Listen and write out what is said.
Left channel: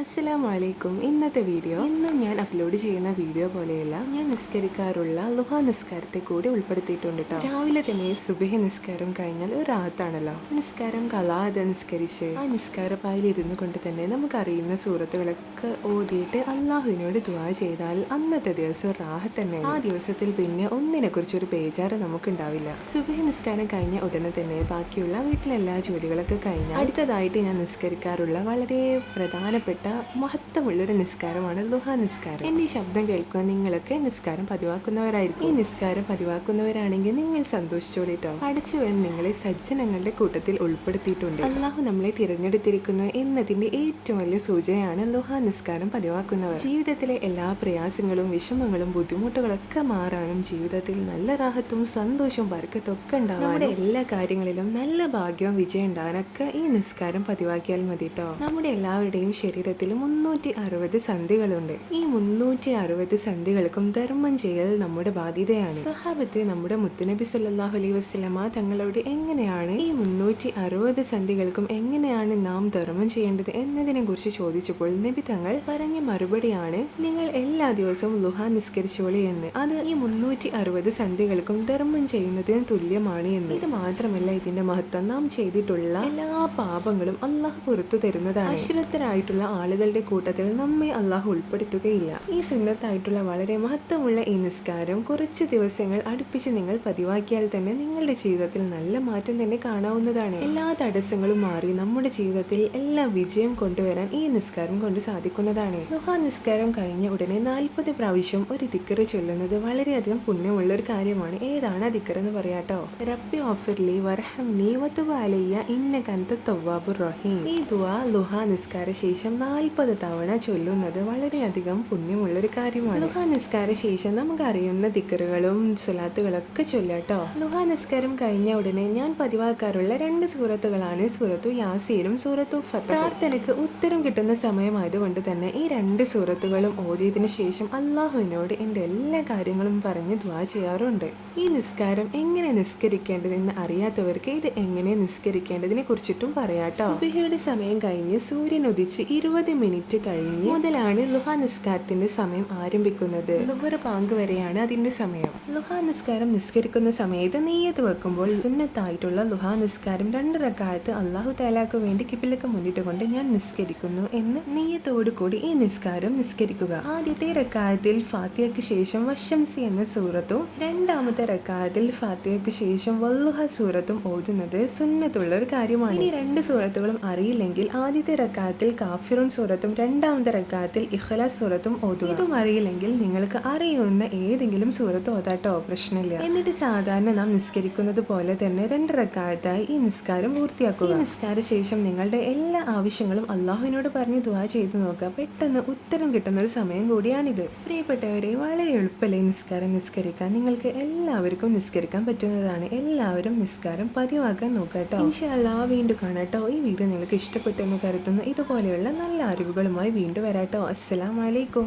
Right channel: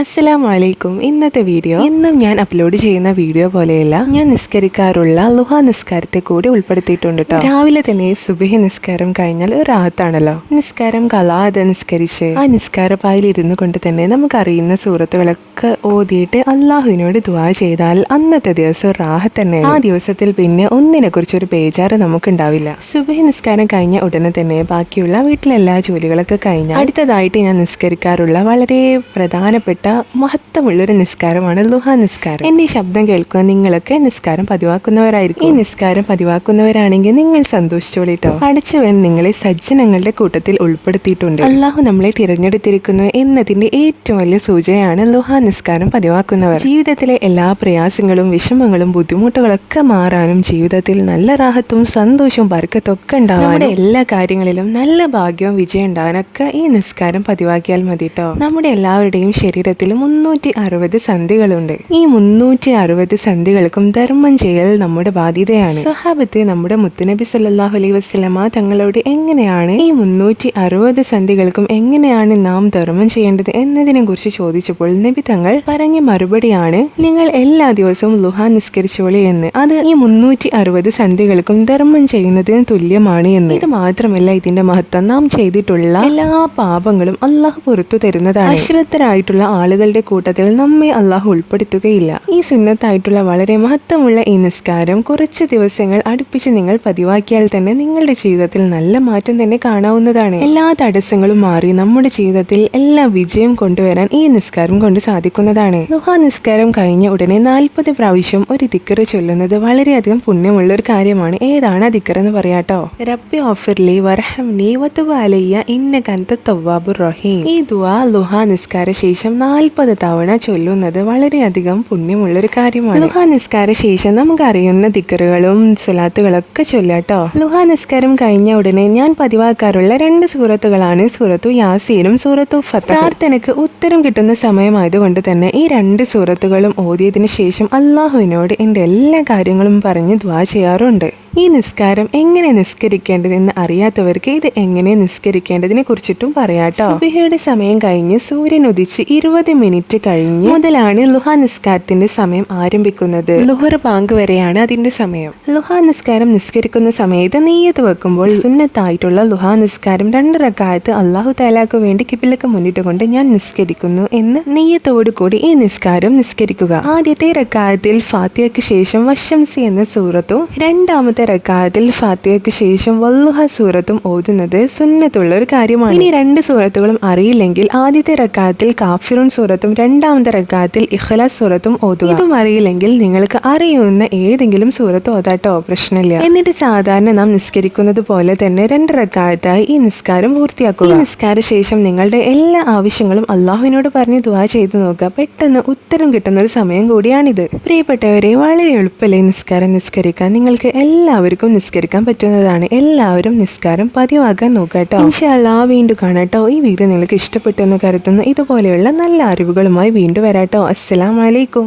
അസ്സലാം വലൈക്കും ഇന്നത്തെ വീഡിയോ. ഇന്നും ഞാൻ അപ്ലോഡ് ചെയ്യുന്ന വീഡിയോ പോലെയല്ല ഞാൻ നിസ്കരിക്കാറുള്ള ലുഹ നിസ്കാരത്തെ കൂടി ഉൾപ്പെടുത്തിയിട്ടുണ്ട് കേട്ടോ രാവിലെ തന്നെ സുബഹി നിസ്കാരം കഴിഞ്ഞാൽ ഒരു ആഹത്താണല്ലോ നിസ്കാരം കലാതെ നിസ്കരിച്ച് ആ നിസ്കാരപ്പായിൽ ഇരുന്നു കൊണ്ട് തന്നെ നമുക്കറിയുന്ന സൂറത്തുകളൊക്കെ ഓതിയിട്ട് അള്ളാഹുവിനോട് ദുവാ ചെയ്താൽ അന്നത്തെ ദിവസം റാഹത്ത് തന്നെ ആ ദിവസത്തിൽ പിന്നെ ഒന്നിനെ കുറിച്ച് ഒരു ബേജാറ് നമുക്കുണ്ടാവില്ല. സുബഹി നിസ്കാരം കഴിഞ്ഞ ഉടനെ തന്നെ ബാക്കിയുള്ള വീട്ടിലെല്ലാ ജോലികളൊക്കെ കഴിഞ്ഞാൽ അടുത്തതായിട്ട് ഞാൻ നിസ്കരിക്കാറുള്ള വളരെ പ്രധാനപ്പെട്ട മഹത്വമുള്ളൊരു നിസ്കാരമാണ് ലുഹ നിസ്കാരം. എന്നീ ഈ ശബ്ദം കേൾക്കുക നിങ്ങളൊക്കെ നിസ്കാരം പതിവാക്കുന്നവരായിരിക്കും. ഈ നിസ്കാരം പതിവാക്കുന്നവരാണെങ്കിൽ നിങ്ങൾ സന്തോഷിച്ചോളിട്ടോ. അടച്ചവൻ നിങ്ങളെ സജ്ജനങ്ങളുടെ കൂട്ടത്തിൽ ഉൾപ്പെടുത്തിയിട്ടുണ്ട്. അള്ളാഹു നമ്മളെ തിരഞ്ഞെടുത്തിരിക്കുന്നു എന്നതിന്റെ ഏറ്റവും വലിയ സൂചനയാണ് ലുഹ നിസ്കാരം പതിവാക്കുന്നവർ. ജീവിതത്തിലെ എല്ലാ പ്രയാസങ്ങളും വിഷമങ്ങളും ബുദ്ധിമുട്ടുകളൊക്കെ മാറാനും ജീവിതത്തിൽ നല്ല റാഹത്തും സന്തോഷവും ബർക്കത്തൊക്കെ ഉണ്ടാവാനും എല്ലാ കാര്യങ്ങളിലും നല്ല ഭാഗ്യവും വിജയം ഉണ്ടാകാനൊക്കെ ഈ നിസ്കാരം പതിവാക്കിയാൽ മതി കേട്ടോ നമ്മുടെ എല്ലാവരുടെയും ശരീരത്തിൽ മുന്നൂറ്റി അറുപത് സന്ധികളുണ്ട്. ഈ മുന്നൂറ്റി അറുപത് സന്ധികൾക്കും ധർമ്മം ചെയ്യൽ നമ്മുടെ ബാധ്യതയാണ്. സ്വഹാബത്ത് നമ്മുടെ മുത്തുനബി സല്ലാഹു അലൈഹി വസ്ലമ തങ്ങളോട് എങ്ങനെയാണ് ഈ മുന്നൂറ്റി അറുപത് സന്ധികൾക്കും എങ്ങനെയാണ് നാം ധർമ്മം ചെയ്യേണ്ടത് എന്നതിനെ കുറിച്ച് ചോദിച്ചപ്പോൾ നബി തങ്ങൾ പറഞ്ഞ മറുപടിയാണ് നിങ്ങൾ എല്ലാ ദിവസവും ലുഹ നിസ്കരിച്ചോളി എന്ന്. അത് ഈ മുന്നൂറ്റി അറുപത് സന്ധികൾക്കും ധർമ്മം ചെയ്യുന്നതിന് തുല്യമാണ് എന്ന്. ഇത് മാത്രമല്ല ഇതിന്റെ മഹത്വം നാം ചെയ്തിട്ടുള്ള എല്ലാ പാപങ്ങളും അള്ളാഹു പുറത്തു തരുന്നതാണ്. അശ്രദ്ധരായിട്ടുള്ള ആളുകളുടെ കൂട്ടത്തിൽ നമ്മെ അള്ളാഹു ഉൾപ്പെടുത്തുകയില്ല. ഈ സുന്നത്തായിട്ടുള്ള വളരെ മഹത്വമുള്ള ഈ നിസ്കാരം കുറച്ച് ദിവസങ്ങൾ അടുപ്പിച്ച് നിങ്ങൾ പതിവാക്കിയാൽ തന്നെ നിങ്ങളുടെ ജീവിതത്തിൽ നല്ല മാറ്റം തന്നെ കാണാവുന്നതാണ്. എല്ലാ തടസ്സങ്ങളും മാറി നമ്മുടെ ജീവിതത്തിൽ എല്ലാ വിജയം കൊണ്ടുവരാൻ ഈ നിസ്കാരം കൊണ്ട് സാധിക്കുന്നതാണ്. ദുഹാ നിസ്കാരം കഴിഞ്ഞ ഉടനെ നാൽപ്പത് പ്രാവശ്യം ഒരു ദിക്കറ് ചൊല്ലുന്നത് വളരെയധികം പുണ്യമുള്ള ഒരു കാര്യമാണ്. ഏതാണ് ആ എന്ന് പറയാട്ടോ? റബ്ബി ഓഫർലി വർഹംനി വതുബ് അലയ്യ ഇന്ന കന്ത റഹീം. ഈ ദുആ ലുഹാ നിസ്കാര ശേഷം നാൽപ്പത് തവണ ചൊല്ലുന്നത് വളരെയധികം പുണ്യമുള്ളൊരു കാര്യമാണ്. ലുഹാ നിസ്കാര ശേഷം നമുക്ക് അറിയുന്ന ദിക്കറുകളും സുലാത്തുകളൊക്കെ ചൊല്ലാട്ടോ. ലുഹാ നിസ്കാരം കഴിഞ്ഞ ഉടനെ ഞാൻ പതിവാക്കാറുള്ള രണ്ട് സൂറത്തുകളാണ് സൂറത്തു യാസീനും സൂറത്തു ഫത്ത. ഉത്തരം കിട്ടുന്ന സമയമായതുകൊണ്ട് തന്നെ ഈ രണ്ട് സൂറത്തുകളും ഓതിയതിനു ശേഷം അള്ളാഹുവിനോട് എന്റെ എല്ലാ കാര്യങ്ങളും പറഞ്ഞ് ദ്വാ ചെയ്യാറുണ്ട്. ഈ നിസ്കാരം എങ്ങനെ നിസ്കരിക്കേണ്ടതെന്ന് അറിയാത്തവർക്ക് ഇത് എങ്ങനെ നിസ്കരിക്കേണ്ടതിനെ കുറിച്ചിട്ടും പറയാട്ടോ സുബിഹയുടെ സമയം കഴിഞ്ഞ് സൂര്യൻ ഉദിച്ച് ഇരുപത് മിനിറ്റ് കഴിഞ്ഞ് മുതലാണ് ലുഹ നിസ്കാരത്തിന്റെ സമയം ആരംഭിക്കുന്നത്. ലുഹർ പാങ്ക് വരെയാണ് അതിന്റെ സമയം. ലുഹ നിസ്കാരം നിസ്കരിക്കുന്ന സമയത്ത് നെയ്യത്ത് വെക്കുമ്പോൾ സുന്നത്തായിട്ടുള്ള ലുഹ നിസ്കാരം രണ്ട് റക്കായത്ത് അള്ളാഹു താലാക്ക് വേണ്ടി കിബിലക്ക് മുന്നിട്ട് കൊണ്ട് ഞാൻ നിസ്കരിക്കുന്നു എന്ന് നെയ്യത്തോടു കൂടി ഈ നിസ്കാരം നിസ്കരിക്കുക. ആദ്യത്തെ റക്കായത്തിൽ ഫാത്തിയക്ക് ശേഷം വശംസി എന്ന സൂറത്തും രണ്ടാമത്തെ റക്കായത്തിൽ ഫാത്തിയക്ക് ശേഷം വല്ലുഹ സൂറത്തും ഓതുന്നത് സുന്നത്തുള്ള ഒരു കാര്യമാണ്. ഇനി രണ്ട് സൂറത്തുകളും അറിയില്ലെങ്കിൽ ആദ്യത്തെ റക്കാത്തിൽ കാഫിറുൻ സൂറത്തും രണ്ടാമത്തെ റക്കാത്തിൽ ഇഖ്ലാസ് സൂറത്തും ഓതുക. ഇതും അറിയില്ലെങ്കിൽ നിങ്ങൾക്ക് അറിയുന്ന ഏതെങ്കിലും സൂറത്ത് ഓതാട്ടോ പ്രശ്നമില്ല. എന്നിട്ട് സാധാരണ നാം നിസ്കരിക്കുന്നത് പോലെ തന്നെ രണ്ട് റക്കാലത്തായി ഈ നിസ്കാരം പൂർത്തിയാക്കുക. ഈ നിസ്കാര ശേഷം നിങ്ങളുടെ എല്ലാ ആവശ്യങ്ങളും അള്ളാഹുവിനോട് പറഞ്ഞ് ദുവാ ചെയ്തു നോക്കുക. പെട്ടെന്ന് ഉത്തരം കിട്ടുന്ന ഒരു സമയം കൂടിയാണിത്. പ്രിയപ്പെട്ടവരെ വളരെ എളുപ്പമല്ലേ നിസ്കാരം നിസ്കരിക്കാൻ? നിങ്ങൾക്ക് എല്ലാവർക്കും നിസ്കരിക്കാൻ പറ്റുന്നതാണ്. എല്ലാവരും നിസ്കാരം പതിവാക്കാൻ നോക്കാട്ടോ ഇൻഷാല്ലാ വീണ്ടും കാണാട്ടോ ഈ വീഡിയോ നിങ്ങൾക്ക് ഇഷ്ടപ്പെട്ടു എന്ന് കരുതുന്നു. ഇതുപോലെയുള്ള നല്ല അറിവുകളുമായി വീണ്ടും വരാട്ടോ അസ്സലാമലൈക്കും